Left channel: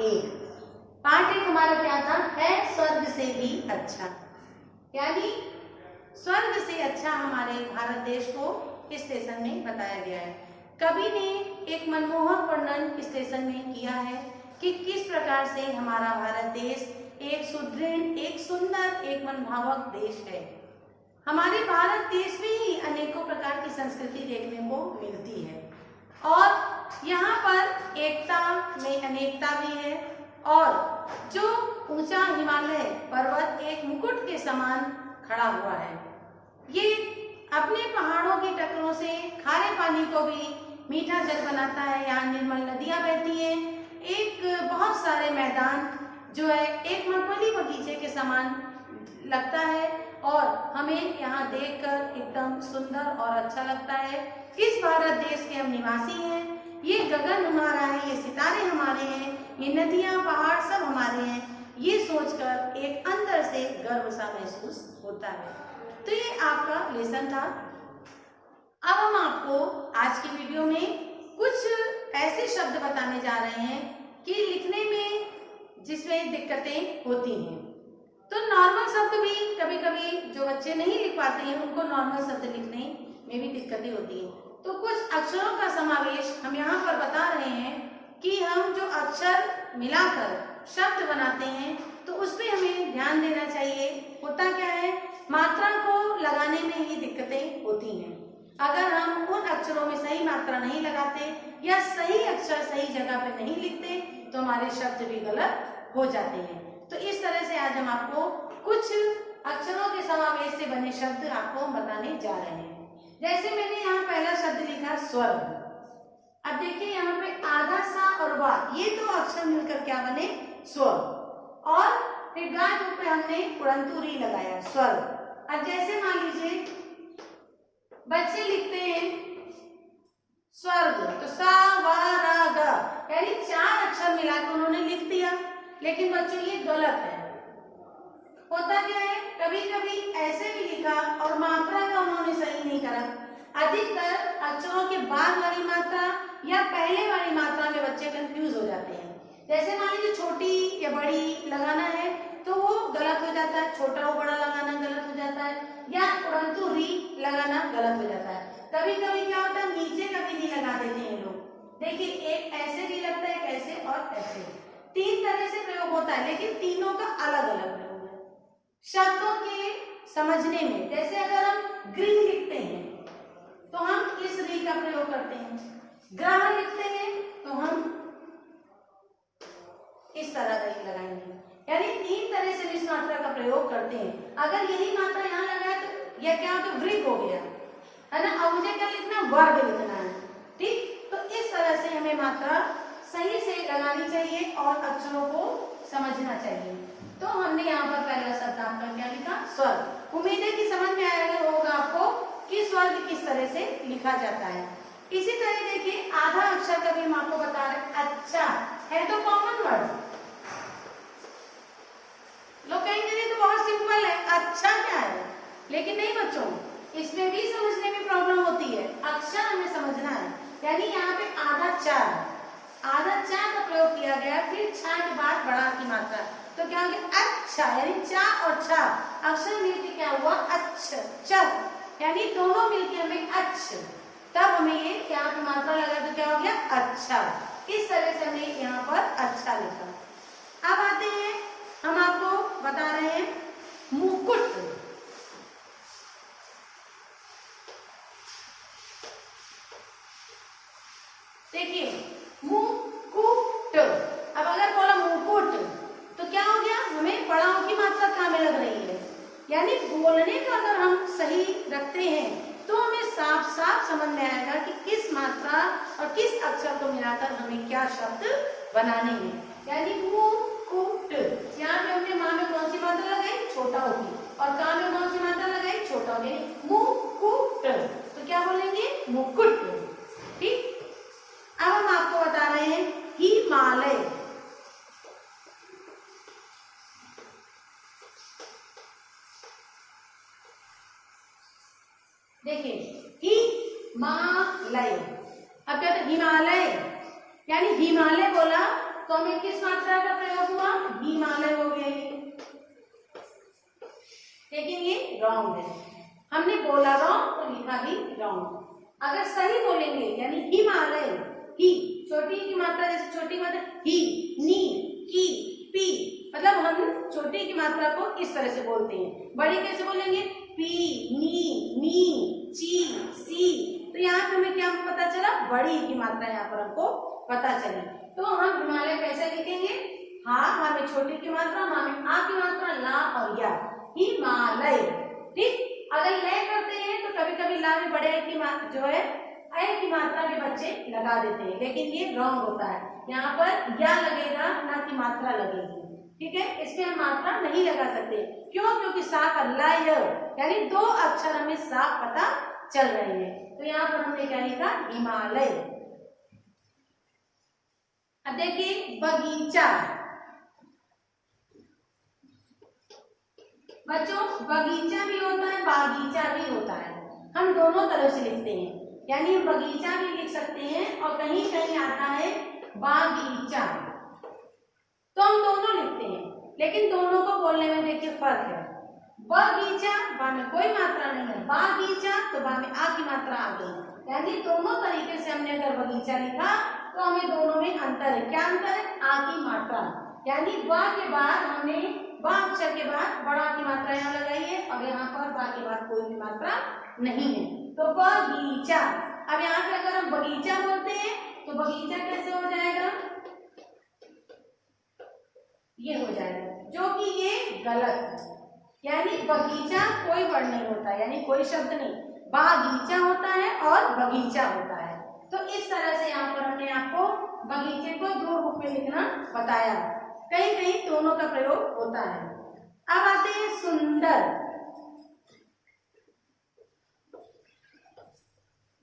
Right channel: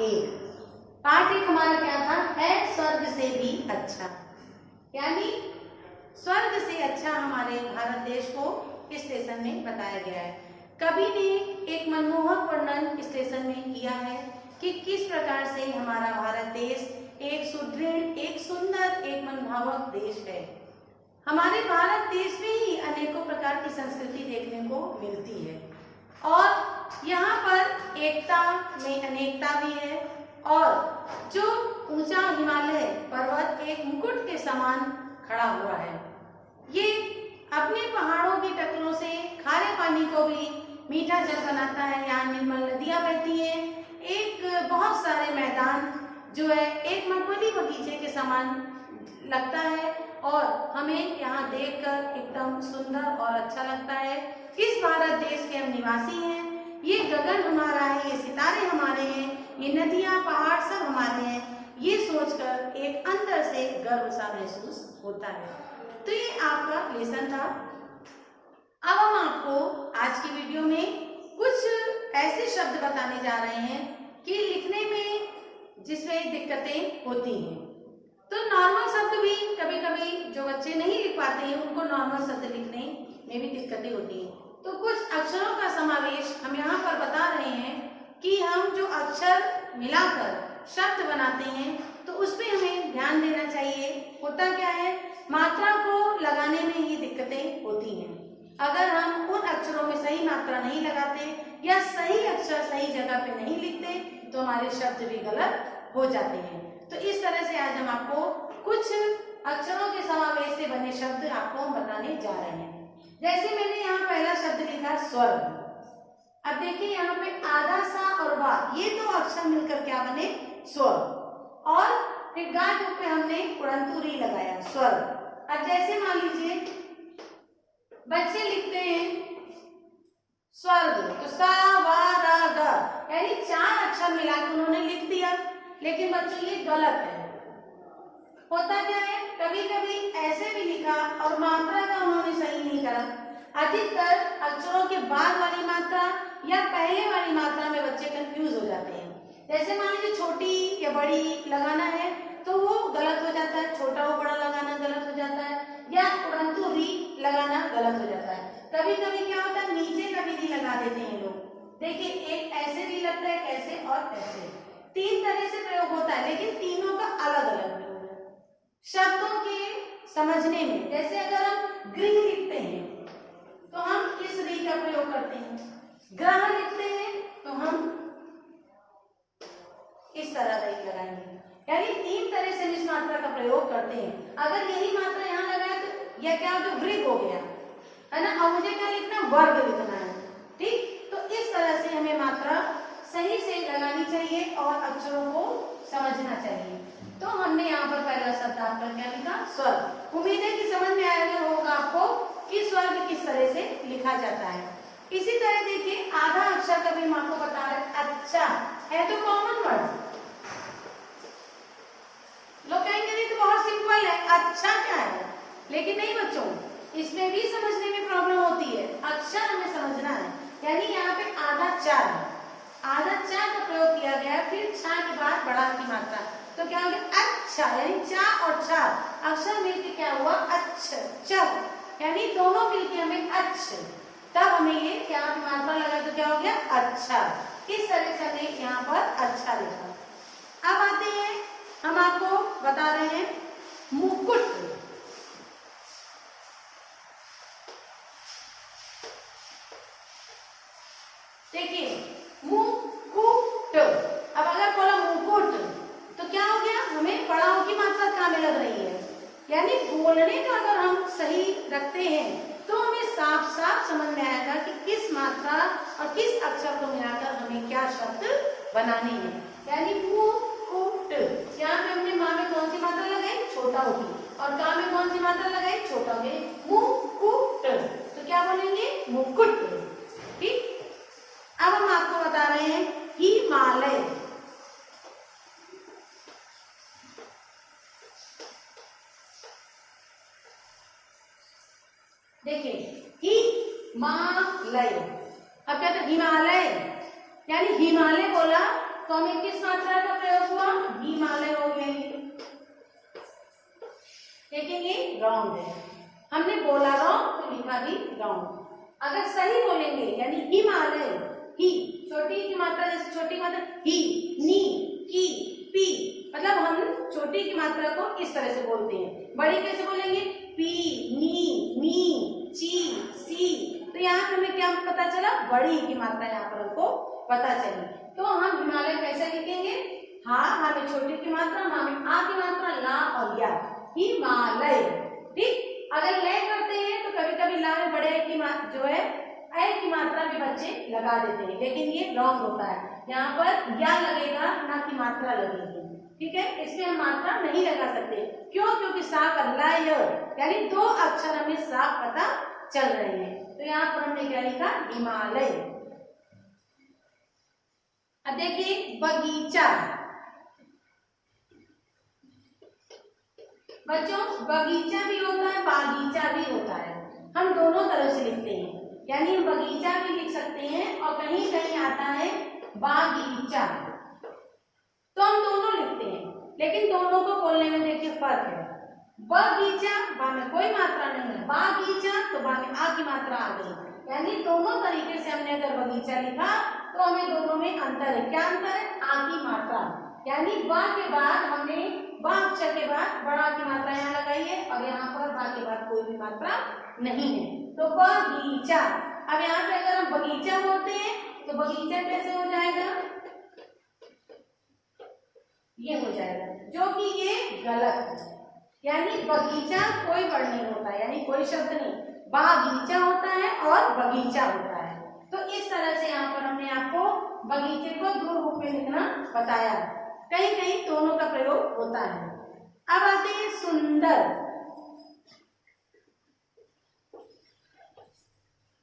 1। Part 1 हमारा क्या था, है स्वर्ग से भी अच्छा, यानी स्वर्ग से अच्छा हमारे भारत देश को इस लेसन में बताया गया है। कवि ने एक मनमोहक वर्णन इस लेसन में किया है कि किस प्रकार से हमारा भारत देश एक सुदृढ़, एक सुंदर, एक मनभावक देश है। हमारे भारत देश में ही अनेकों प्रकार की संस्कृति देखने को मिलती है और यहाँ पर एकता में अनेकता भी है। और जो ऊंचा हिमालय पर्वत एक मुकुट के समान खड़ा हुआ है, ये अपने पहाड़ों की टक्करों से खारे पानी को भी मीठा जल बनाता है। यहाँ निर्मल नदियां बहती हैं, एक बहुत सारे मैदान जो है एक मखमली बगीचे के समान लगता है और हमें यहाँ देखकर एकदम सुंदर और अच्छा लगता है। इस भारत देश के हम निवासी हैं, ये गगन हमारा है, ये सितारे हमारे हैं, ये नदियां पहाड़ सब हमारे हैं, ये सोचकर एक अंदर से गर्व सा महसूस होता है। तो ये आपका लेसन था। अब हम आपको आज की वीडियो में कुछ ऐसे शब्द बताने जा रहे हैं कि लिखने में जिसमें दिक्कतें होती हैं। तो नॉर्मल शब्द भी कभी कभी जो बच्चे नहीं लिख पाते हैं उनको नॉर्मल शब्द लिखने में भी दिक्कतें होती हैं। तो कुछ अक्षरों का समावेश हम यहाँ पर बता रहे हैं कि हम जो अक्षर मिलाकर शब्द बनाते हैं तो उस पर हमें ध्यान देना चाहिए। होता क्या है, मात्रा को लगाने में ही दिक्कतें होती हैं। अगर हम उन अक्षरों में सही मात्रा नहीं लगाते या सही अक्षर सही जगह पे नहीं लिखते तो हमारे शब्द भी गलत हो जाते हैं। तो इस तरह से आज हम आपको कुछ अक्षरों के समावेश से बने शब्द आपको बताने जा रहे हैं। जैसे मैंने यहाँ पहला शब्द लिखा स्वर्ग। अब देखिए यहाँ पे आधा सा और वा, ये दो अक्षर मिलकर क्या बने, स्वर्ग। और फिर गा के ऊपर हमने उड़ंतुरी लगाया, स्वर्ग। अब जैसे मान लीजिए बच्चे लिखते हैं स्वर्ग, तो सा वा रा गा, यानी 4 अक्षर मिलाकर उन्होंने लिख दिया, लेकिन बच्चों ये गलत है। होता क्या है, कभी कभी ऐसे भी लिखा और मात्रा का उन्होंने सही नहीं करा। अधिकतर अक्षरों के बाद वाली मात्रा या पहले वाली मात्रा में बच्चे कंफ्यूज हो जाते हैं। जैसे मान लीजिए छोटी या बड़ी लगाना है तो वो गलत हो जाता है, छोटा हो बड़ा लगाना गलत हो जाता है, या उड़ंतु री लगाना गलत हो जाता है। कभी कभी क्या होता है, नीचे का भी री लगा देते हैं लोग। देखिए एक ऐसे री लगता है, एक ऐसे और ऐसे, 3 तरह से प्रयोग होता है, लेकिन तीनों का अलग अलग प्रयोग है शब्दों के समझने में। जैसे अगर हम गृह लिखते हैं तो हम इस री का प्रयोग करते हैं, ग्रह लिखते हैं तो हम इस तरह री लगाएंगे, यानी 3 तरह से इस मात्रा का प्रयोग करते हैं। अगर यही मात्रा यहाँ लगाए तो यह क्या हो, वृग हो गया है ना। अब मुझे क्या लिखना है, वर्ग लिखना है, ठीक। तो इस तरह से हमें मात्रा सही से लगानी चाहिए और अक्षरों को समझना चाहिए। तो हमने यहाँ पर पहला शब्द आपका क्या लिखा, स्वर्ग। उम्मीद है कि समझ में आया होगा आपको कि स्वर्ग किस तरह से लिखा जाता है। इसी तरह देखिए आधा अक्षर का भी हम आपको बता रहे हैं, अच्छा है तो कॉमन वर्ड। लोग कहेंगे नहीं तो बहुत सिंपल है, अच्छा क्या है, लेकिन नहीं बच्चों, इसमें भी समझने में प्रॉब्लम होती है। अक्षर हमें समझना है, यानी यहाँ पे आधा चार, आधा चा का प्रयोग किया गया, फिर छा के बाद बड़ा की मात्रा, तो क्या हो गया, अच्छा, यानी चा और छा अक्षर मिलके क्या हुआ, अच्छा, च, यानी दोनों मिलके हमें अच्छा, तब हमें ये क्या मात्रा लगा तो क्या हो गया, अच्छा। इस तरह से हमने यहाँ पर अच्छा लिखा। अब आते हैं, हम आपको बता रहे हैं मुकुट। देखिए मुकुट, अब अगर बोला मुकुट तो क्या हो गया, हमें बड़ाओं की मात्रा कहाँ में लग रही है, यानी बोलने का अगर हम सही रखते हैं तो हमें साफ साफ समझ में आएगा कि किस मात्रा और किस अक्षर को मिलाकर हमें क्या शब्द बनाने हैं। यानी मुकुट, यहाँ पे हमने माँ में कौन सी मात्रा लगाई, छोटा होगी, और का में कौन सी मात्रा लगाई, छोटा होगी, मुकुट, तो क्या बोलेंगे, मुकुट, ठीक। अब हम आपको बता रहे हैं हिमालय। देखिए हिमालय, अब क्या था, हिमालय, यानी हिमालय बोला तो हमें किस मात्रा का प्रयोग हुआ? हिमालय हो गया ये, लेकिन ये रॉन्ग है। हमने बोला रॉन्ग तो लिखा भी रॉन्ग। अगर सही बोलेंगे यानी हिमालय, ही छोटी की मात्रा, जैसे छोटी मात्रा ही, नी, की, पी, मतलब हम छोटी की मात्रा को इस तरह से बोलते हैं। बड़ी कैसे बोलेंगे? पी, नी, मी, ची, सी। तो यहाँ पे हमें क्या पता चला? बड़ी की मात्रा यहाँ पर हमको पता चली। तो हम हिमालय कैसे लिखेंगे? हा में छोटी की मात्रा, मा में आ की मात्रा, ला और या, हिमालय। ठीक, अगर ले करते हैं तो कभी कभी ला में बड़े की जो है ए की मात्रा भी बच्चे लगा देते हैं, लेकिन ये रॉन्ग होता है। यहाँ पर या लगेगा, ना की मात्रा लगेगी। ठीक है, इसमें हम मात्रा नहीं लगा सकते। क्यों? क्योंकि सा का ला य यानी दो अक्षर हमें साफ पता चल रहे हैं। तो यहाँ पर हमने क्या लिखा? हिमालय। अब देखिए बगीचा। बच्चों बगीचा भी होता है, बागीचा भी होता है। हम दोनों तरह से लिखते हैं, यानी हम बगीचा भी लिख सकते हैं और कहीं कहीं आता है बागीचा। तो हम दोनों लिखते हैं, लेकिन दोनों को बोलने में देखिए फर्क है। बगीचा, बा में कोई मात्रा नहीं है, बागीचा तो बा में आ की मात्रा आ गई। यानी दोनों तरीके से हमने अगर बगीचा लिखा तो हमें दोनों में अंतर है। क्या अंतर है? आ की मात्रा, यानी बा के बाद हमने बा अक्षर के बाद बड़ा की मात्रा यहाँ लगाई है और यहाँ पर बा के बाद कोई भी मात्रा नहीं है, तो बगीचा। अब यहाँ पे अगर हम बगीचा बोलते हैं तो बगीचा कैसे हो जाएगा? ये हो जाएगा, जो कि ये गलत है। यानी बगीचा कोई वर्ड नहीं होता, यानी कोई शब्द नहीं, बागीचा होता है और बगीचा होता है। तो इस तरह से यहाँ पर हमने आपको बगीचे को दो रूप में लिखना बताया। कहीं कहीं दोनों का प्रयोग होता है। अब आते हैं सुंदर।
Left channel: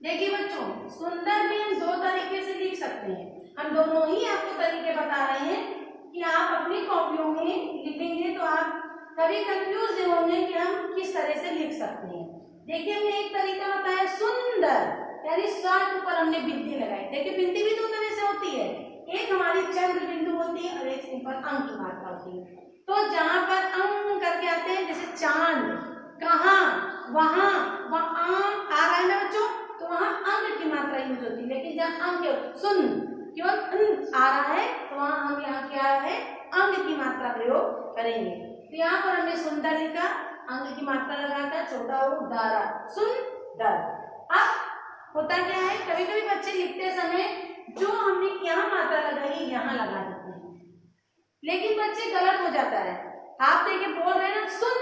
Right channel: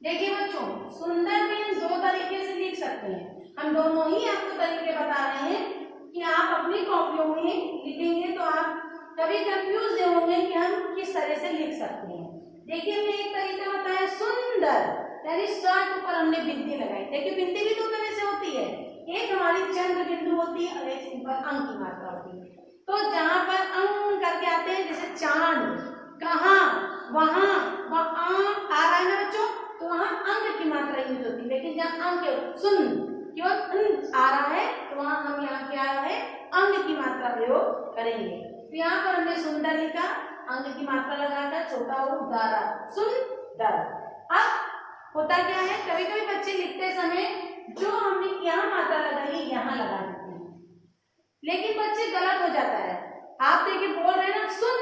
देखिए बच्चों, सुंदर भी हम दो तरीके से लिख सकते हैं। हम दोनों ही आपको तरीके बता रहे हैं कि आप अपनी कॉपियों में लिखेंगे तो आप कभी कंफ्यूज होंगे कि हम किस तरह से लिख सकते हैं। देखिए हमने एक तरीका बताया सुंदर, यानी स्वर के ऊपर हमने बिंदी लगाई। देखिए बिंदी भी दो तरह से होती है, एक हमारी चंद्र बिंदु होती है और एक सिंपल अंक की मात्रा होती है। तो जहां पर अंक करके आते हैं, जैसे चांद, कहाँ, वहां, वहां आ रहा है ना बच्चों, तो वहां अंक की मात्रा यूज होती है। लेकिन जहाँ अंक सुन केवल आ रहा है तो वहां हम यहाँ क्या है अंक की मात्रा प्रयोग करेंगे। तो यहाँ पर हमने सुंदर लिखा, अंक की मात्रा लगाकर छोटा और दारा, सुंदर। अब होता क्या है, कभी कभी बच्चे लिखते समय जो हमने यहाँ मात्रा लगाई है यहाँ लगा देते हैं, लेकिन बच्चे गलत हो जाता है। आप देखिए बोल रहे हैं ना सुन,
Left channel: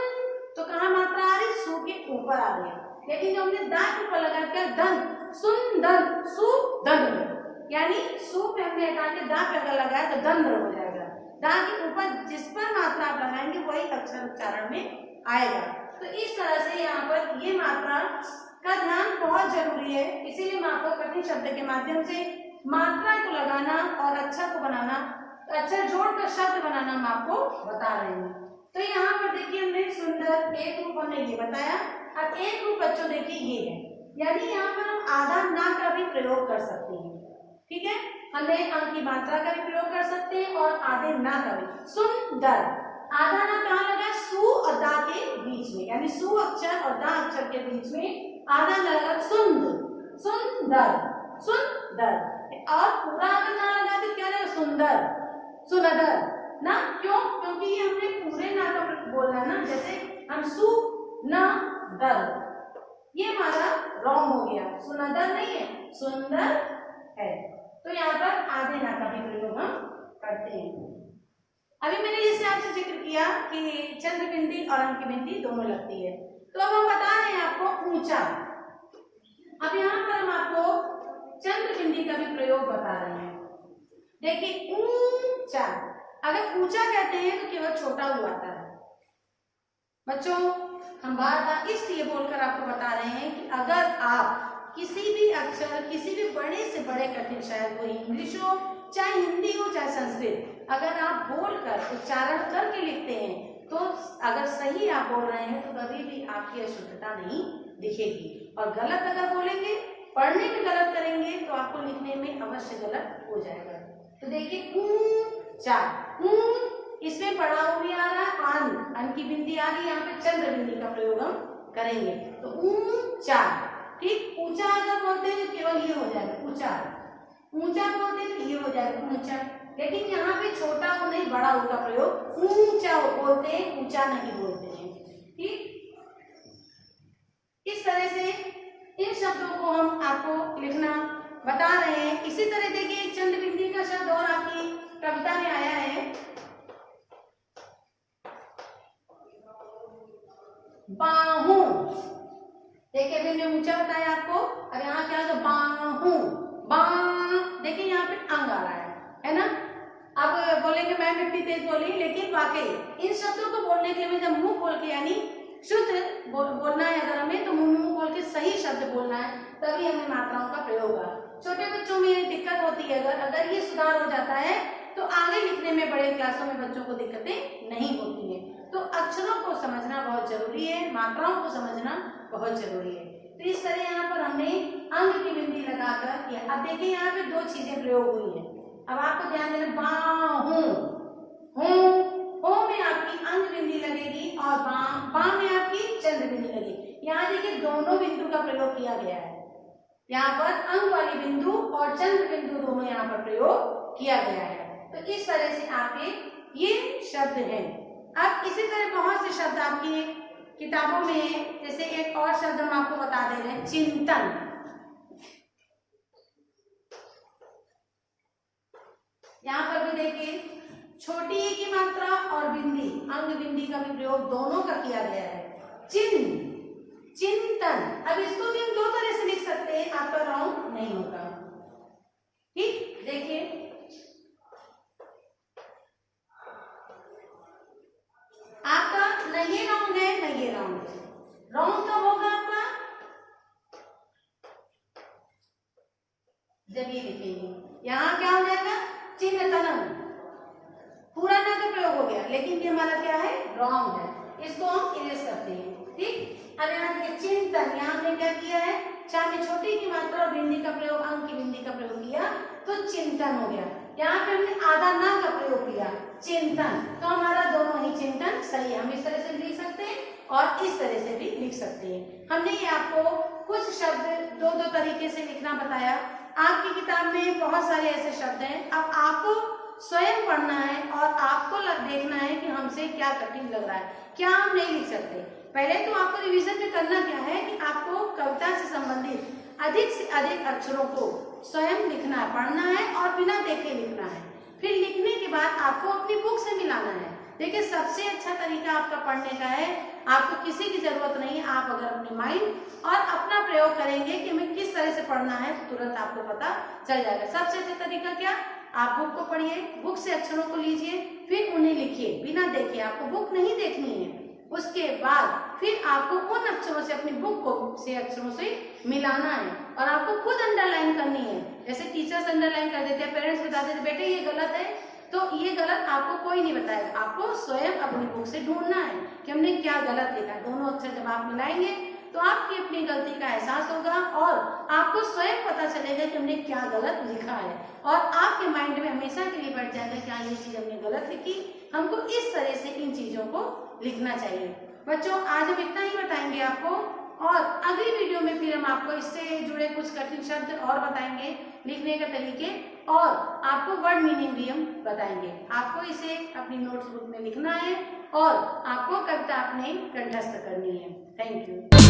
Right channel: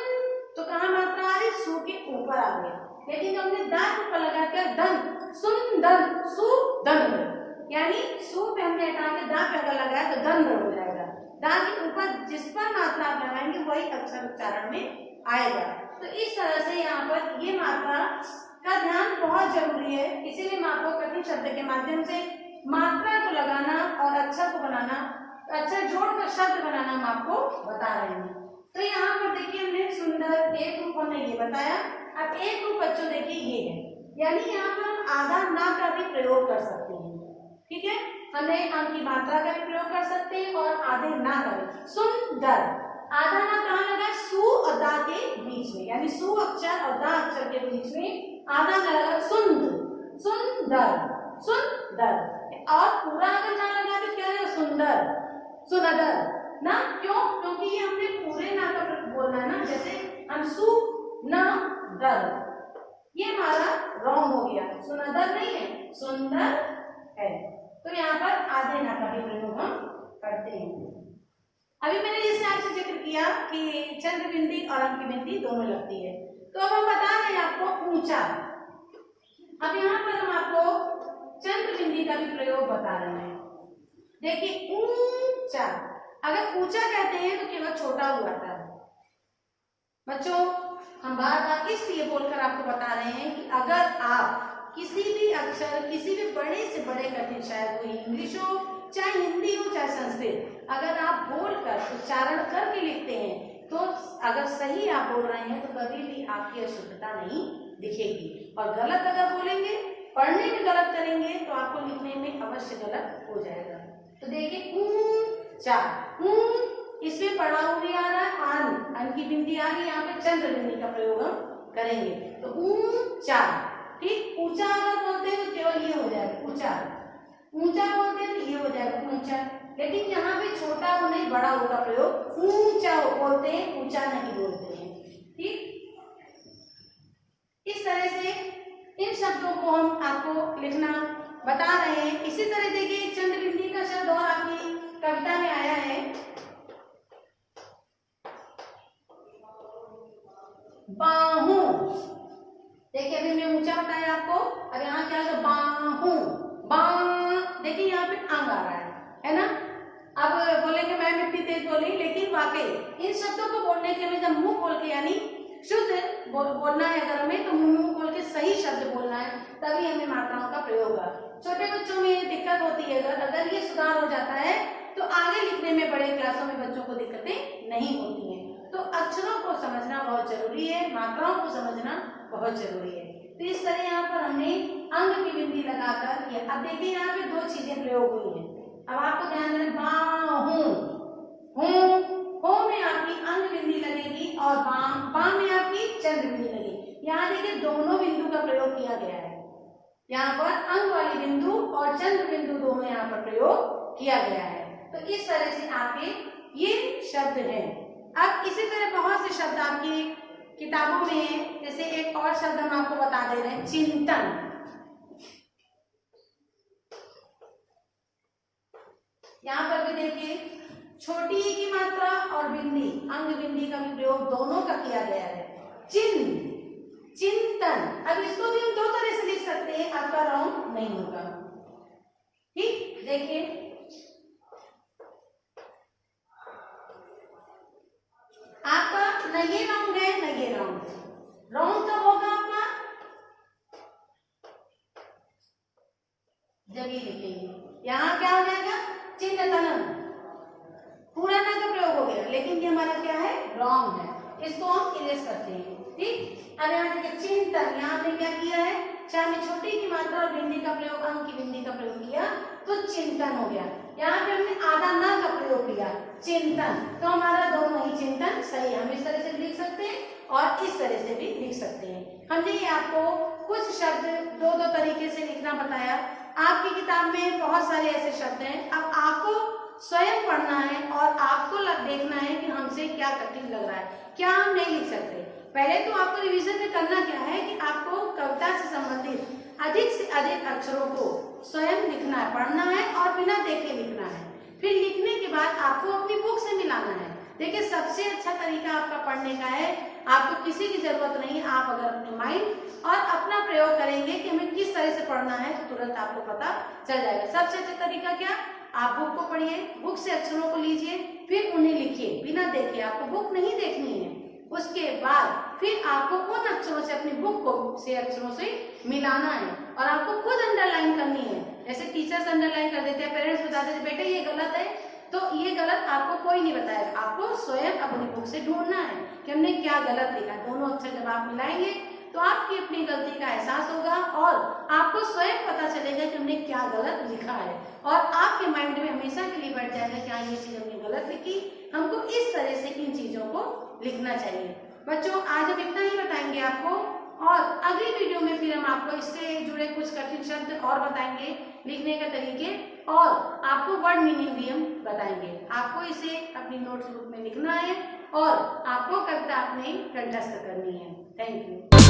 तो कहाँ मात्रा आ रही? सु के ऊपर आ रही है, लेकिन जो हमने दा के ऊपर लगाकर धन, सुंदर, सुदंड, यानी सु पे हमने हटा के दा पे अगर लगाया तो दंड हो जाएगा। दा के ऊपर जिस पर मात्रा आप लगाएंगे वही अक्षर उच्चारण में आएगा। तो इस तरह से यहाँ पर ये मात्रा का ध्यान बहुत जरूरी है। इसीलिए मैं आपको कठिन शब्द के माध्यम से मात्रा को लगाना और अक्षर को बनाना, अक्षर जोड़कर शब्द बनाना हम आपको बता रहे हैं। तो यहाँ पर देखिए हमने सुंदर एक रूप हमने ये बताया। अब एक रूप बच्चों देखिए ये है, यानी यहाँ पर हम आधा ना का भी प्रयोग कर सकते हैं। ठीक है, हमने अंक की मात्रा का भी प्रयोग कर सकते हैं और आधे ना का भी। सुंदर, आधा ना कहाँ लगा है? सु और दा के बीच में, यानी सु अक्षर और दा अक्षर के बीच में आधा ना लगा, सुंदर, सुंदर, सुंदर। और पूरा अगर ना लगा तो क्या लगा? सुंदर, सुनदर ना। क्यों? क्योंकि ये हमने पूरे ना का बोलना है ना, जैसे हम सु न दर, ये हमारा रॉन्ग हो गया, सुनदर नहीं है, सुंदर है। तो यहाँ पर आधे ना का भी प्रयोग हम करते हैं। अभी मैंने जैसे आपसे जिक्र किया कि चंद्र बिंदी और अंक बिंदी दोनों लगती है। तो अब हम बता रहे हैं आपको ऊंचा। अब यहाँ पर हम आपको चंद्र बिंदी का भी प्रयोग बता रहे हैं। देखिए ऊंचा, अगर ऊंचा कहते हैं तो केवल छोटा हुआ आता है। बच्चों हम बार बार इसलिए बोलकर आपको बता रहे हैं कि अगर आप किसी भी अक्षर, किसी भी बड़े से बड़े कठिन, शायद वो इंग्लिश हो, चाहे हिंदी हो, चाहे संस्कृत, अगर आप बोलकर उच्चारण करके लिखते हैं तो अगर सही आप बोल रहे हैं तो कभी भी आपकी अशुद्धता नहीं दिखेगी। और गलत अगर बोलेंगे, पढ़ने में गलत करेंगे तो आपको लिखने में अवश्य गलत हो जाएगा। तो देखिए इसमें पड़ा हुआ भी आ रहा है, अन की बिंदी आ रही है, यहाँ पे चंद्र बिंदी का प्रयोग हम करेंगे। तो ऊंचा, ठीक, ऊंचा अगर बोलते हैं तो केवल ये हो जाएगा ऊंचा, ऊंचा बोलते हैं तो ये हो जाएगा ऊंचा। लेकिन यहाँ पे छोटा हो नहीं, बड़ा हो का प्रयोग ऊंचा बोलते हैं, ऊंचा नहीं बोलते हैं, ठीक। इस तरह से इन शब्दों को हम आपको लिखना बता रहे हैं। इसी तरह देखिए एक चंद्र बिंदी का शब्द और आपकी कविता में आया है, बाहू। देखिए अभी हमने ऊंचा बताया आपको, अब यहाँ क्या होगा, बाहू, बा, देखिए यहाँ पे अंग आ रहा है ना। अब बोलेंगे मैम इतनी तेज बोली, लेकिन वाकई इन शब्दों को बोलने के लिए जब मुंह खोल के, यानी शुद्ध बोलना है अगर हमें, तो मुंह खोल के सही शब्द बोलना है, तभी हमें मात्राओं का प्रयोग होगा। छोटे बच्चों में दिक्कत होती है, अगर ये सुधार हो जाता है तो आगे लिखने में बड़े क्लासों में बच्चों को दिक्कतें नहीं होती हैं। तो अक्षरों को समझना बहुत जरूरी है, मात्राओं को समझना बहुत जरूरी है। तो इस तरह यहाँ पर हमने अंग की बिंदी लगाकर किया। अब देखिए यहाँ पे दो चीजें प्रयोग हुई हैं, अब आपको ध्यान देना, बाहू, हो में आपकी अंग बिंदी लगेगी और बा में आपकी चंद्र बिंदी लगेगी। यहाँ देखिए दोनों बिंदु का प्रयोग किया गया है, यहाँ पर अंग वाली बिंदु और चंद्र बिंदु दोनों यहाँ पर प्रयोग किया गया है। तो इस तरह से आपके ये शब्द हैं। अब इसी तरह बहुत से शब्द आपकी किताबों में है, जैसे एक और शब्द हम आपको बता दे रहे हैं, चिंतन। यहाँ पर भी देखिए छोटी ई की मात्रा और बिंदी, अंग बिंदी का भी प्रयोग दोनों का किया गया है, चिंतन। अब इसको भी हम दो तरह से लिख सकते हैं, आपका रॉन्ग नहीं होगा, ठीक। देखिए आपका न ये राउंड है न ये राउंड है, राउंड कब होगा आपका, जब ये लिखेंगे। यहाँ क्या हो जाएगा, चिंतनम, पूरा ना का प्रयोग हो गया, लेकिन ये हमारा क्या है, रॉन्ग है, इसको हम इरेज करते हैं, ठीक। अब यहाँ देखिए चिंतन, यहाँ हमने क्या किया है, चाहे में छोटी की मात्रा और बिंदी का प्रयोग, अंग की बिंदी का प्रयोग किया तो चिंतन हो गया। यहाँ पे हमने आधा ना का प्रयोग किया, चिंतन, तो हमारा दोनों ही चिंतन सही है। हम इस तरह से भी लिख सकते हैं और इस तरह से भी लिख सकते हैं। हमने ये आपको कुछ शब्द दो तरीके से लिखना बताया। आपकी किताब में बहुत सारे ऐसे शब्द हैं, अब आपको स्वयं पढ़ना है और आपको देखना है कि हमसे क्या कठिन लग रहा है, क्या हम नहीं लिख सकते। पहले तो आपको रिवीजन में करना क्या है कि आपको कविता से संबंधित अधिक से अधिक अक्षरों को स्वयं लिखना है, पढ़ना है और बिना देखे लिखना है। फिर लिखने के बाद आपको अपनी बुक से मिलाना है। देखिए सबसे अच्छा तरीका आपका पढ़ने का है, आपको किसी की जरूरत नहीं है, आप अगर अपने माइंड और अपना प्रयोग करेंगे कि हमें किस तरह से पढ़ना है तो तुरंत आपको पता चल जाएगा। सबसे अच्छा तरीका क्या, आप बुक को पढ़िए, बुक से अक्षरों को लीजिए, फिर उन्हें लिखिए बिना देखे। आपको बुक नहीं देखनी है, उसके बाद फिर आपको उन अक्षरों से अपनी बुक को से अक्षरों से मिलाना है और आपको खुद अंडरलाइन करनी है। जैसे टीचर्स अंडरलाइन कर देते हैं, पेरेंट्स बता देते हैं बेटे ये गलत है, तो ये गलत आपको कोई नहीं बताएगा, आपको स्वयं अपनी बुक से ढूंढना है कि हमने क्या गलत लिखा है। दोनों अक्षर जब आप मिलाएंगे तो आपकी अपनी गलती का एहसास होगा और आपको स्वयं पता चलेगा कि हमने क्या गलत लिखा है और आपके माइंड में हमेशा के लिए बैठ जाएगा कि हाँ ये चीज हमने गलत लिखी, हमको इस तरह से इन चीजों को लिखना चाहिए। बच्चों आज हम इतना ही बताएंगे आपको और अगली वीडियो में फिर हम आपको इससे जुड़े कुछ कठिन शब्द और बताएंगे, लिखने के तरीके और आपको वर्ड मीनिंग भी हम बताएंगे। आपको इसे अपनी नोट्स बुक में लिखना है और आपको कविता अपने कंठस्थ करनी है। Thank you.